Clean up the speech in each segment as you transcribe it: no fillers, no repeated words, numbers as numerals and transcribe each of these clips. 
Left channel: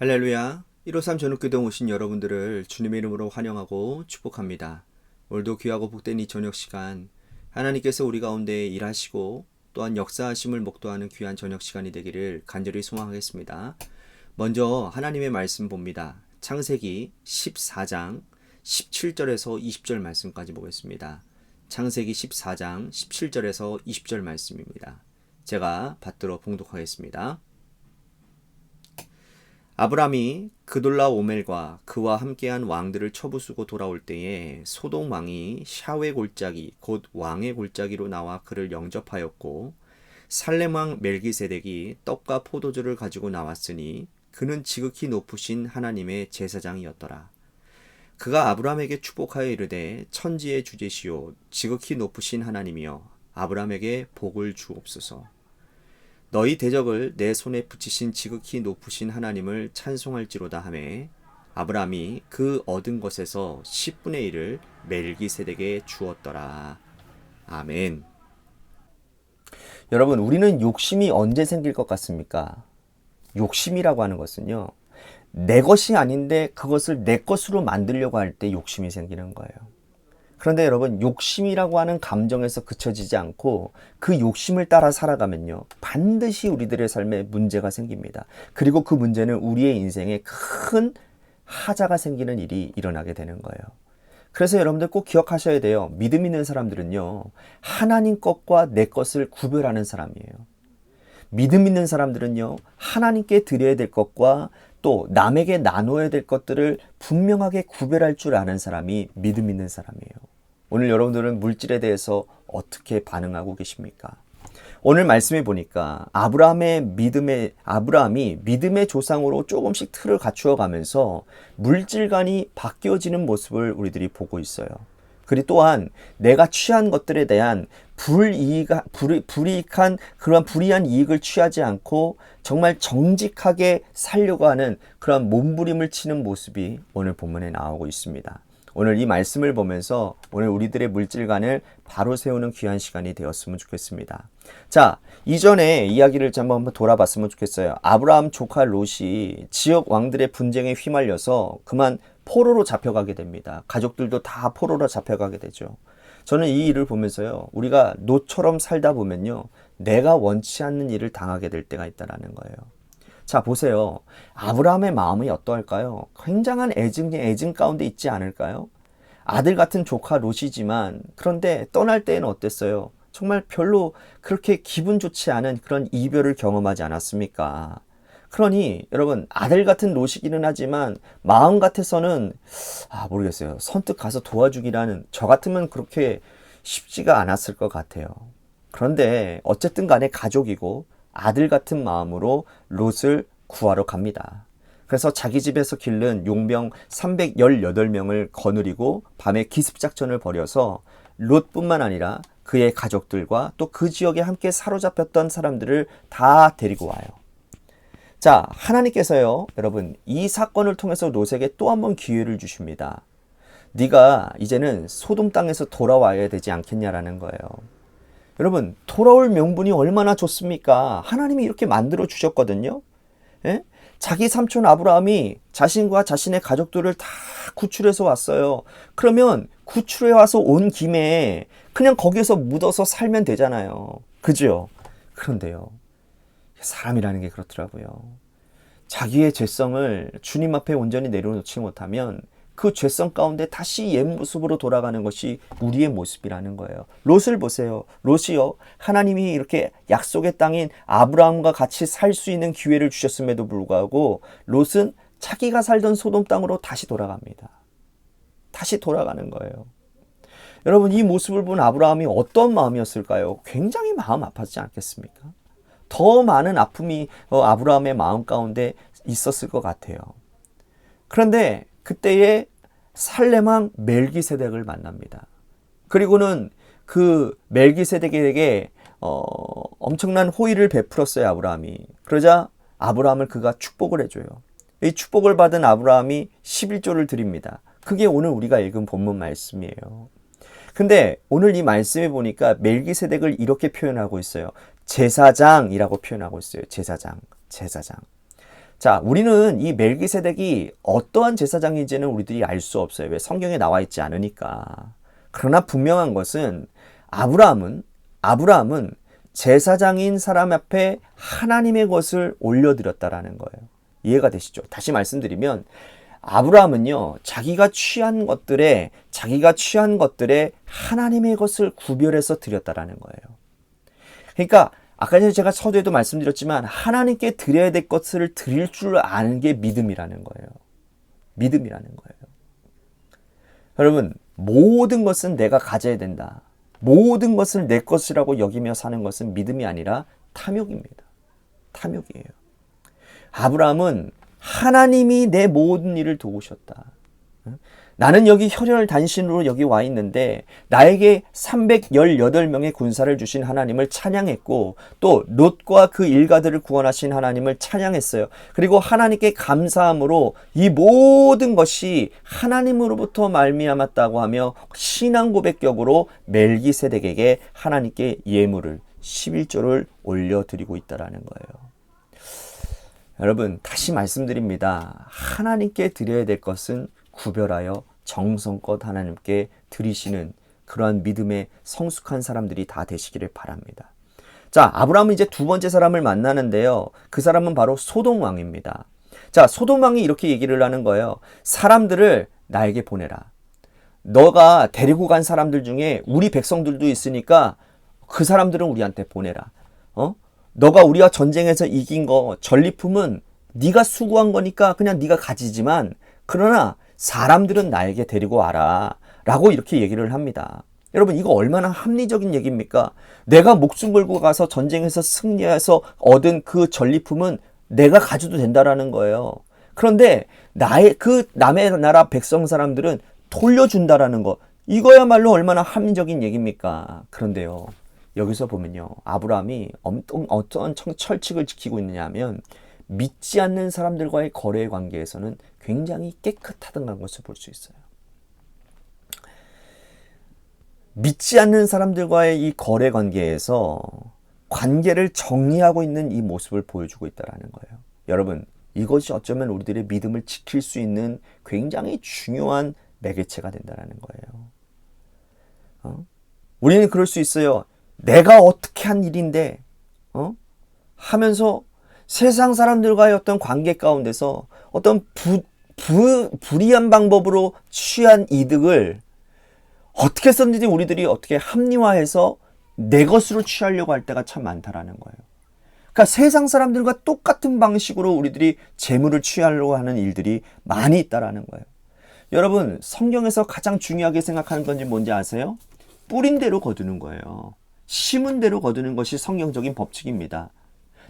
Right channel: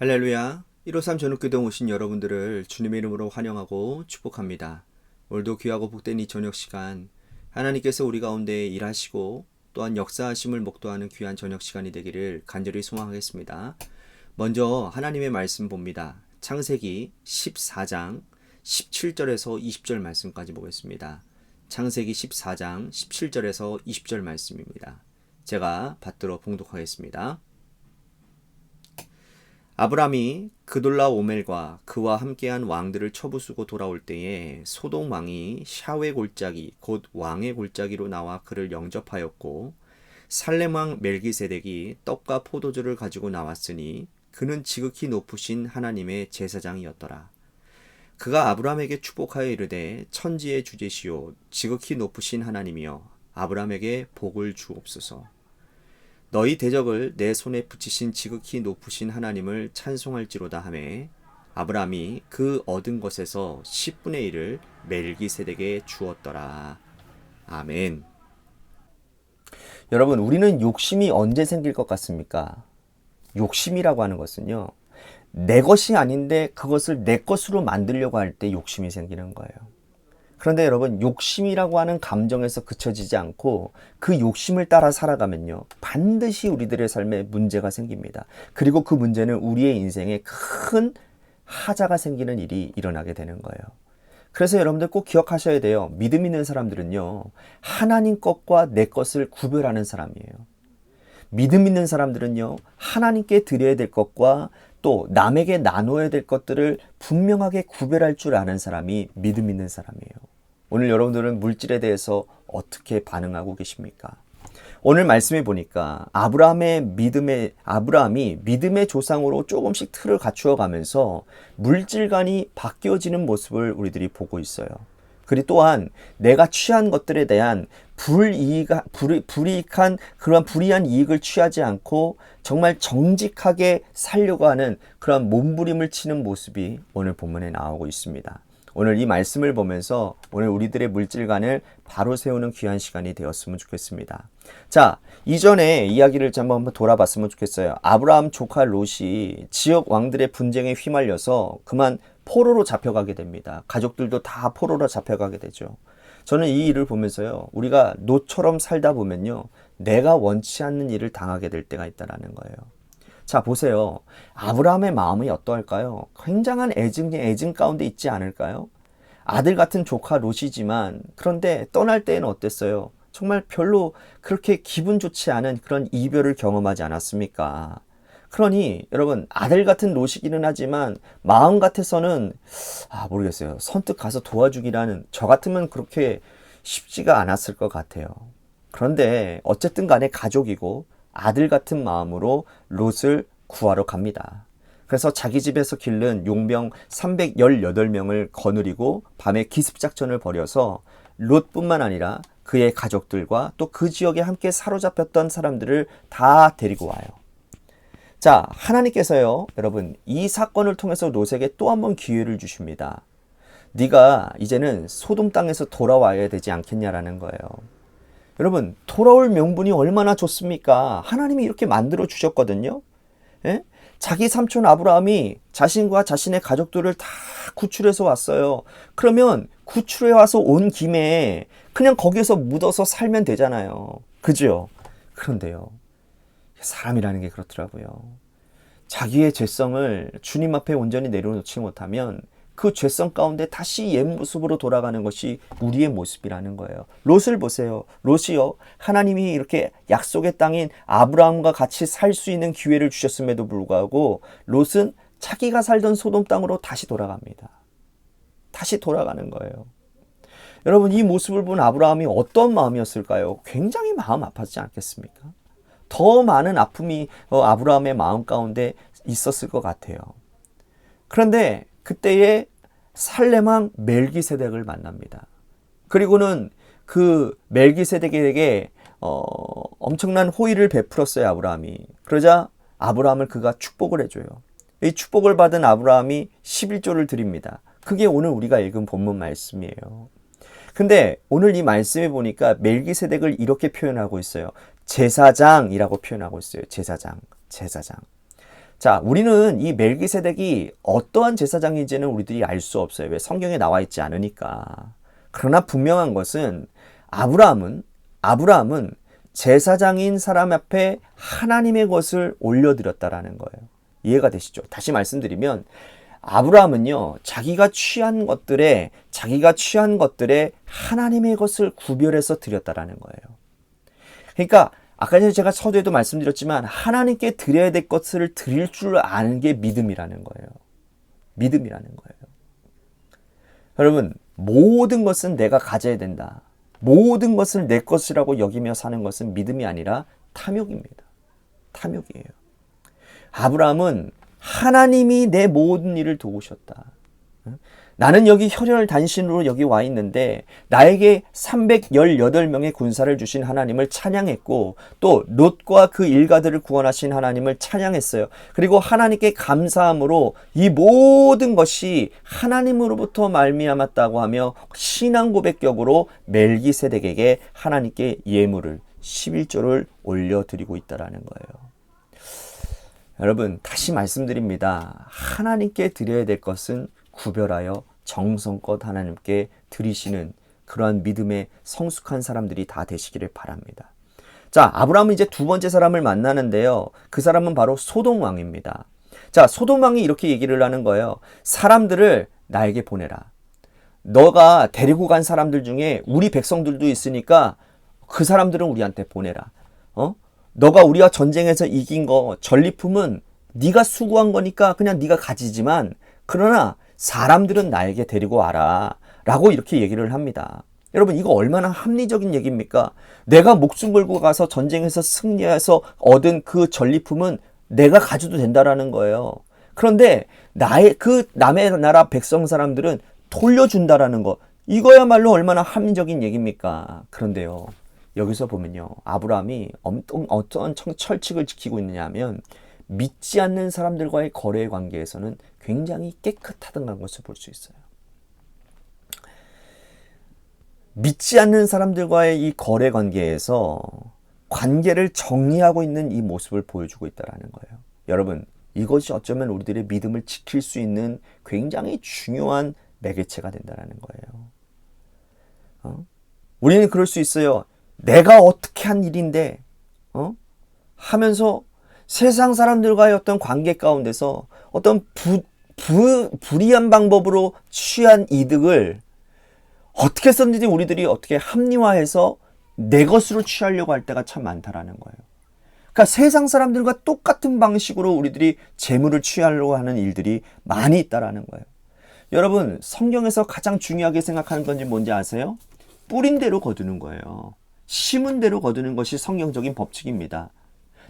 할렐루야. 153 전국교동 오신 여러분들을 주님의 이름으로 환영하고 축복합니다. 오늘도 귀하고 복된 이 저녁 시간 하나님께서 우리 가운데 일하시고 또한 역사하심을 목도하는 귀한 저녁 시간이 되기를 간절히 소망하겠습니다. 먼저 하나님의 말씀 봅니다. 창세기 14장 17절에서 20절 말씀까지 보겠습니다. 창세기 14장 17절에서 20절 말씀입니다. 제가 받들어 봉독하겠습니다. 아브람이 그돌라오멜과 그와 함께한 왕들을 쳐부수고 돌아올 때에 소돔 왕이 샤웨 골짜기 곧 왕의 골짜기로 나와 그를 영접하였고 살렘 왕 멜기세덱이 떡과 포도주를 가지고 나왔으니 그는 지극히 높으신 하나님의 제사장이었더라. 그가 아브람에게 축복하여 이르되 천지의 주제시오 지극히 높으신 하나님이여 아브람에게 복을 주옵소서. 너희 대적을 내 손에 붙이신 지극히 높으신 하나님을 찬송할지로다 하매 아브람이 그 얻은 것에서 10분의 1을 멜기세덱에 주었더라. 아멘. 여러분, 우리는 욕심이 언제 생길 것 같습니까? 욕심이라고 하는 것은요, 내 것이 아닌데 그것을 내 것으로 만들려고 할 때 욕심이 생기는 거예요. 그런데 여러분, 욕심이라고 하는 감정에서 그쳐지지 않고 그 욕심을 따라 살아가면요, 반드시 우리들의 삶에 문제가 생깁니다. 그리고 그 문제는 우리의 인생에 큰 하자가 생기는 일이 일어나게 되는 거예요. 그래서 여러분들 꼭 기억하셔야 돼요. 믿음 있는 사람들은요, 하나님 것과 내 것을 구별하는 사람이에요. 믿음 있는 사람들은요, 하나님께 드려야 될 것과 또 남에게 나눠야 될 것들을 분명하게 구별할 줄 아는 사람이 믿음 있는 사람이에요. 오늘 여러분들은 물질에 대해서 어떻게 반응하고 계십니까? 오늘 말씀해 보니까 아브라함이 믿음의 조상으로 조금씩 틀을 갖추어 가면서 물질관이 바뀌어지는 모습을 우리들이 보고 있어요. 그리고 또한 내가 취한 것들에 대한 불이익한 그런 불이한 이익을 취하지 않고 정말 정직하게 살려고 하는 그런 몸부림을 치는 모습이 오늘 본문에 나오고 있습니다. 오늘 이 말씀을 보면서 오늘 우리들의 물질관을 바로 세우는 귀한 시간이 되었으면 좋겠습니다. 자, 이전에 이야기를 한번 돌아봤으면 좋겠어요. 아브라함 조카 롯이 지역 왕들의 분쟁에 휘말려서 그만 포로로 잡혀가게 됩니다. 가족들도 다 포로로 잡혀가게 되죠. 저는 이 일을 보면서요, 우리가 롯처럼 살다 보면요, 내가 원치 않는 일을 당하게 될 때가 있다는 거예요. 자, 보세요. 아브라함의 마음이 어떠할까요? 굉장한 애증 가운데 있지 않을까요? 아들 같은 조카 롯이지만 그런데 떠날 때에는 어땠어요? 정말 별로 그렇게 기분 좋지 않은 그런 이별을 경험하지 않았습니까? 그러니 여러분, 아들 같은 롯이기는 하지만 마음 같아서는 모르겠어요. 선뜻 가서 도와주기라는, 저 같으면 그렇게 쉽지가 않았을 것 같아요. 그런데 어쨌든 간에 가족이고 아들 같은 마음으로 롯을 구하러 갑니다. 그래서 자기 집에서 기른 용병 318명을 거느리고 밤에 기습작전을 벌여서 롯뿐만 아니라 그의 가족들과 또 그 지역에 함께 사로잡혔던 사람들을 다 데리고 와요. 자, 하나님께서요, 여러분, 이 사건을 통해서 롯에게 또 한 번 기회를 주십니다. 네가 이제는 소돔 땅에서 돌아와야 되지 않겠냐라는 거예요. 여러분, 돌아올 명분이 얼마나 좋습니까? 하나님이 이렇게 만들어 주셨거든요. 예? 자기 삼촌 아브라함이 자신과 자신의 가족들을 다 구출해서 왔어요. 그러면 구출해 와서 온 김에 그냥 거기에서 묻어서 살면 되잖아요. 그죠? 그런데요, 사람이라는 게 그렇더라고요. 자기의 죄성을 주님 앞에 온전히 내려놓지 못하면 그 죄성 가운데 다시 옛 모습으로 돌아가는 것이 우리의 모습이라는 거예요. 롯을 보세요. 롯이요, 하나님이 이렇게 약속의 땅인 아브라함과 같이 살 수 있는 기회를 주셨음에도 불구하고 롯은 자기가 살던 소돔 땅으로 다시 돌아갑니다. 다시 돌아가는 거예요. 여러분, 이 모습을 본 아브라함이 어떤 마음이었을까요? 굉장히 마음 아팠지 않겠습니까? 더 많은 아픔이 아브라함의 마음 가운데 있었을 것 같아요. 그런데 그때에 살렘 왕 멜기세덱을 만납니다. 그리고는 그 멜기세덱에게 엄청난 호의를 베풀었어요, 아브라함이. 그러자 아브라함을 그가 축복을 해줘요. 이 축복을 받은 아브라함이 11조를 드립니다. 그게 오늘 우리가 읽은 본문 말씀이에요. 근데 오늘 이 말씀에 보니까 멜기세덱을 이렇게 표현하고 있어요. 제사장이라고 표현하고 있어요. 제사장. 자, 우리는 이 멜기세덱이 어떠한 제사장인지는 우리들이 알 수 없어요. 왜? 성경에 나와 있지 않으니까. 그러나 분명한 것은 아브라함은 제사장인 사람 앞에 하나님의 것을 올려드렸다라는 거예요. 이해가 되시죠? 다시 말씀드리면 아브라함은요, 자기가 취한 것들에 하나님의 것을 구별해서 드렸다라는 거예요. 그러니까 아까 전에 제가 서두에도 말씀드렸지만 하나님께 드려야 될 것을 드릴 줄 아는 게 믿음이라는 거예요. 믿음이라는 거예요. 여러분, 모든 것은 내가 가져야 된다. 모든 것을 내 것이라고 여기며 사는 것은 믿음이 아니라 탐욕입니다. 탐욕이에요. 아브라함은 하나님이 내 모든 일을 도우셨다. 나는 여기 혈혈 단신으로 여기 와 있는데 나에게 318명의 군사를 주신 하나님을 찬양했고 또 롯과 그 일가들을 구원하신 하나님을 찬양했어요. 그리고 하나님께 감사함으로 이 모든 것이 하나님으로부터 말미암았다고 하며 신앙 고백격으로 멜기세덱에게 하나님께 예물을 11조를 올려드리고 있다라는 거예요. 여러분, 다시 말씀드립니다. 하나님께 드려야 될 것은 구별하여 정성껏 하나님께 드리시는 그러한 믿음의 성숙한 사람들이 다 되시기를 바랍니다. 자, 아브라함은 이제 두 번째 사람을 만나는데요. 그 사람은 바로 소돔 왕입니다. 자, 소돔 왕이 이렇게 얘기를 하는 거예요. 사람들을 나에게 보내라. 너가 데리고 간 사람들 중에 우리 백성들도 있으니까 그 사람들은 우리한테 보내라. 너가 우리와 전쟁에서 이긴 거 전리품은 네가 수고한 거니까 그냥 네가 가지지만 그러나 사람들은 나에게 데리고 와라 라고 이렇게 얘기를 합니다. 여러분, 이거 얼마나 합리적인 얘기입니까? 내가 목숨 걸고 가서 전쟁에서 승리해서 얻은 그 전리품은 내가 가져도 된다라는 거예요. 그런데 남의 나라 백성 사람들은 돌려준다라는 거, 이거야말로 얼마나 합리적인 얘기입니까? 그런데요, 여기서 보면요, 아브라함이 어떤 철칙을 지키고 있느냐 하면 믿지 않는 사람들과의 거래 관계에서는 굉장히 깨끗하다는 것을 볼 수 있어요. 믿지 않는 사람들과의 이 거래 관계에서 관계를 정리하고 있는 이 모습을 보여주고 있다는 거예요. 여러분, 이것이 어쩌면 우리들의 믿음을 지킬 수 있는 굉장히 중요한 매개체가 된다는 거예요. 우리는 그럴 수 있어요. 내가 어떻게 한 일인데 하면서 세상 사람들과의 어떤 관계 가운데서 어떤 불이한 방법으로 취한 이득을 어떻게 썼는지 우리들이 어떻게 합리화해서 내 것으로 취하려고 할 때가 참 많다라는 거예요. 그러니까 세상 사람들과 똑같은 방식으로 우리들이 재물을 취하려고 하는 일들이 많이 있다라는 거예요. 여러분, 성경에서 가장 중요하게 생각하는 건지 뭔지 아세요? 뿌린 대로 거두는 거예요. 심은 대로 거두는 것이 성경적인 법칙입니다.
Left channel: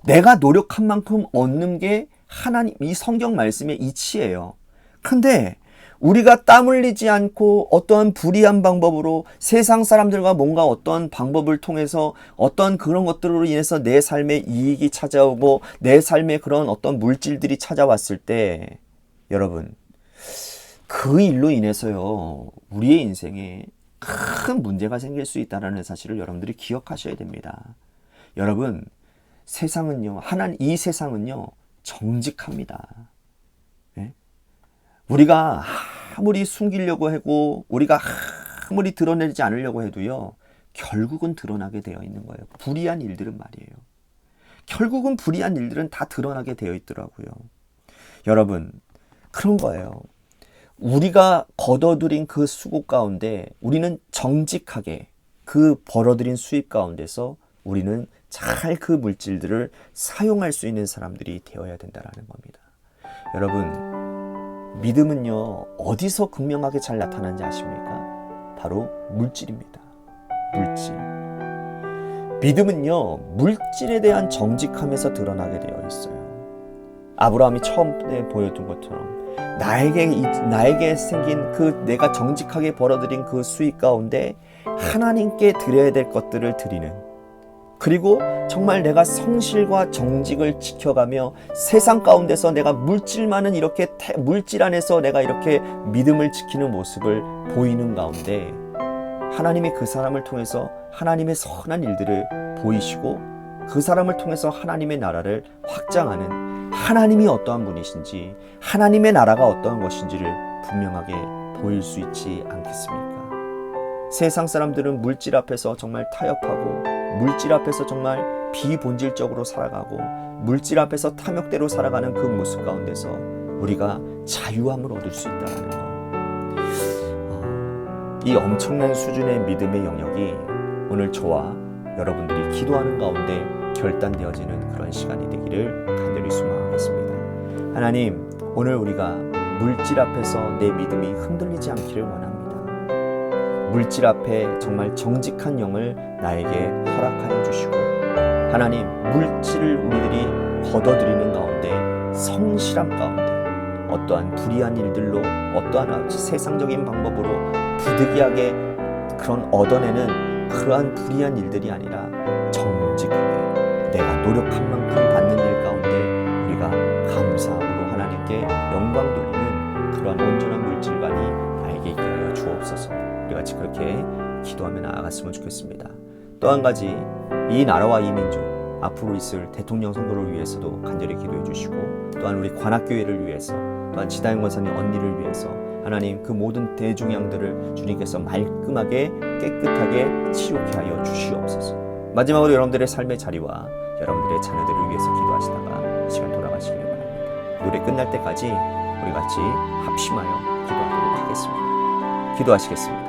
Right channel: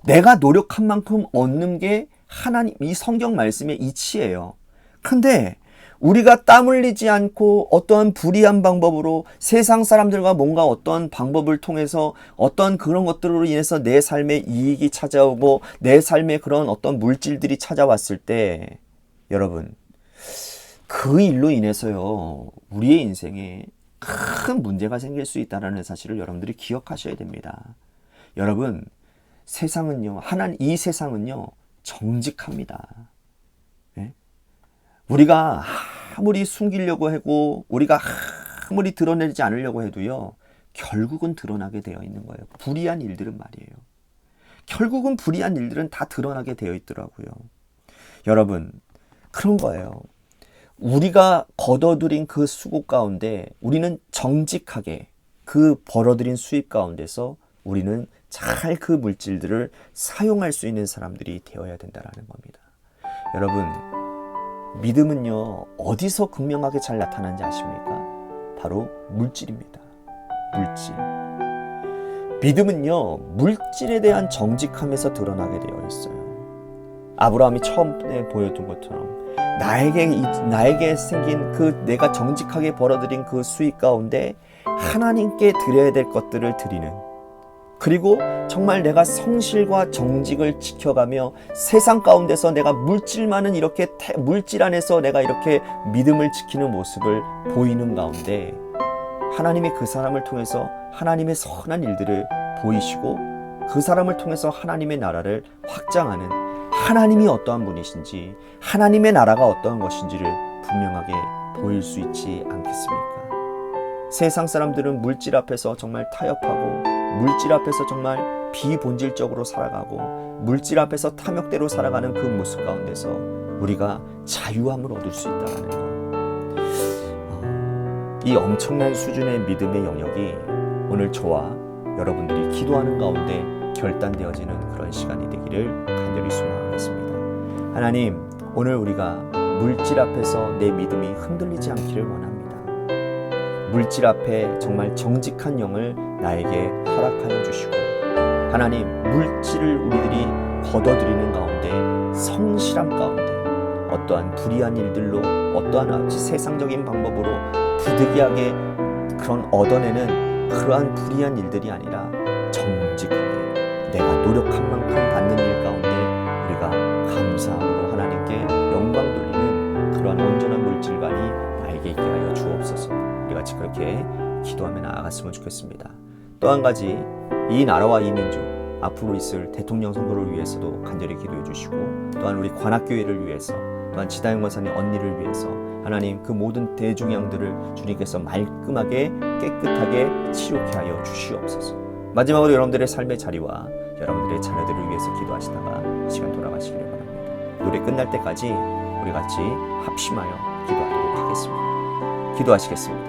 내가 노력한 만큼 얻는 게 하나님, 이 성경 말씀의 이치예요. 그런데 우리가 땀 흘리지 않고 어떠한 불의한 방법으로 세상 사람들과 뭔가 어떤 방법을 통해서 어떤 그런 것들로 인해서 내 삶에 이익이 찾아오고 내 삶에 그런 어떤 물질들이 찾아왔을 때, 여러분, 그 일로 인해서요, 우리의 인생에 큰 문제가 생길 수 있다는 사실을 여러분들이 기억하셔야 됩니다. 여러분, 이 세상은요, 정직합니다. 네? 우리가 아무리 숨기려고 하고, 우리가 아무리 드러내지 않으려고 해도요, 결국은 드러나게 되어 있는 거예요. 불의한 일들은 말이에요. 결국은 불의한 일들은 다 드러나게 되어 있더라고요. 여러분, 그런 거예요. 우리가 거둬들인 그 수고 가운데 우리는 정직하게 그 벌어들인 수입 가운데서 우리는 잘 그 물질들을 사용할 수 있는 사람들이 되어야 된다는 겁니다. 여러분, 믿음은요, 어디서 극명하게 잘 나타나는지 아십니까? 바로 물질입니다. 물질. 믿음은요, 물질에 대한 정직함에서 드러나게 되어 있어요. 아브라함이 처음에 보여준 것처럼 나에게 생긴 그 내가 정직하게 벌어들인 그 수익 가운데 하나님께 드려야 될 것들을 드리는, 그리고 정말 내가 성실과 정직을 지켜가며 세상 가운데서 내가 물질 안에서 내가 이렇게 믿음을 지키는 모습을 보이는 가운데 하나님이 그 사람을 통해서 하나님의 선한 일들을 보이시고 그 사람을 통해서 하나님의 나라를 확장하는 하나님이 어떠한 분이신지 하나님의 나라가 어떠한 것인지를 분명하게 보일 수 있지 않겠습니까? 세상 사람들은 물질 앞에서 정말 타협하고 물질 앞에서 정말 비본질적으로 살아가고 물질 앞에서 탐욕대로 살아가는 그 모습 가운데서 우리가 자유함을 얻을 수 있다는 것. 이 엄청난 수준의 믿음의 영역이 오늘 저와 여러분들이 기도하는 가운데 결단되어지는 그런 시간이 되기를 간절히 소망하겠습니다. 하나님, 오늘 우리가 물질 앞에서 내 믿음이 흔들리지 않기를 원합니다. 물질 앞에 정말 정직한 영을 나에게 허락하여 주시고, 하나님, 물질을 우리들이 걷어들이는 가운데 성실함 가운데 어떠한 불의한 일들로 어떠한 세상적인 방법으로 부득이하게 그런 얻어내는 그러한 불의한 일들이 아니라 정직하게 내가 노력한 만큼 받는 일 가운데 우리가 감사함으로 하나님께 영광 돌리는 그러한 온전한 물질관이 나에게 있게 하여 주옵소서. 우리 같이 그렇게 기도하며 나아갔으면 좋겠습니다. 또 한 가지, 이 나라와 이 민족 앞으로 있을 대통령 선거를 위해서도 간절히 기도해 주시고, 또한 우리 관악교회를 위해서, 또한 지다영 권사님 언니를 위해서 하나님 그 모든 대중양들을 주님께서 말끔하게 깨끗하게 치료케 하여 주시옵소서. 마지막으로 여러분들의 삶의 자리와 여러분들의 자녀들을 위해서 기도하시다가 시간 돌아가시기를 바랍니다. 노래 끝날 때까지 우리 같이 합심하여 기도하도록 하겠습니다. 기도하시겠습니다.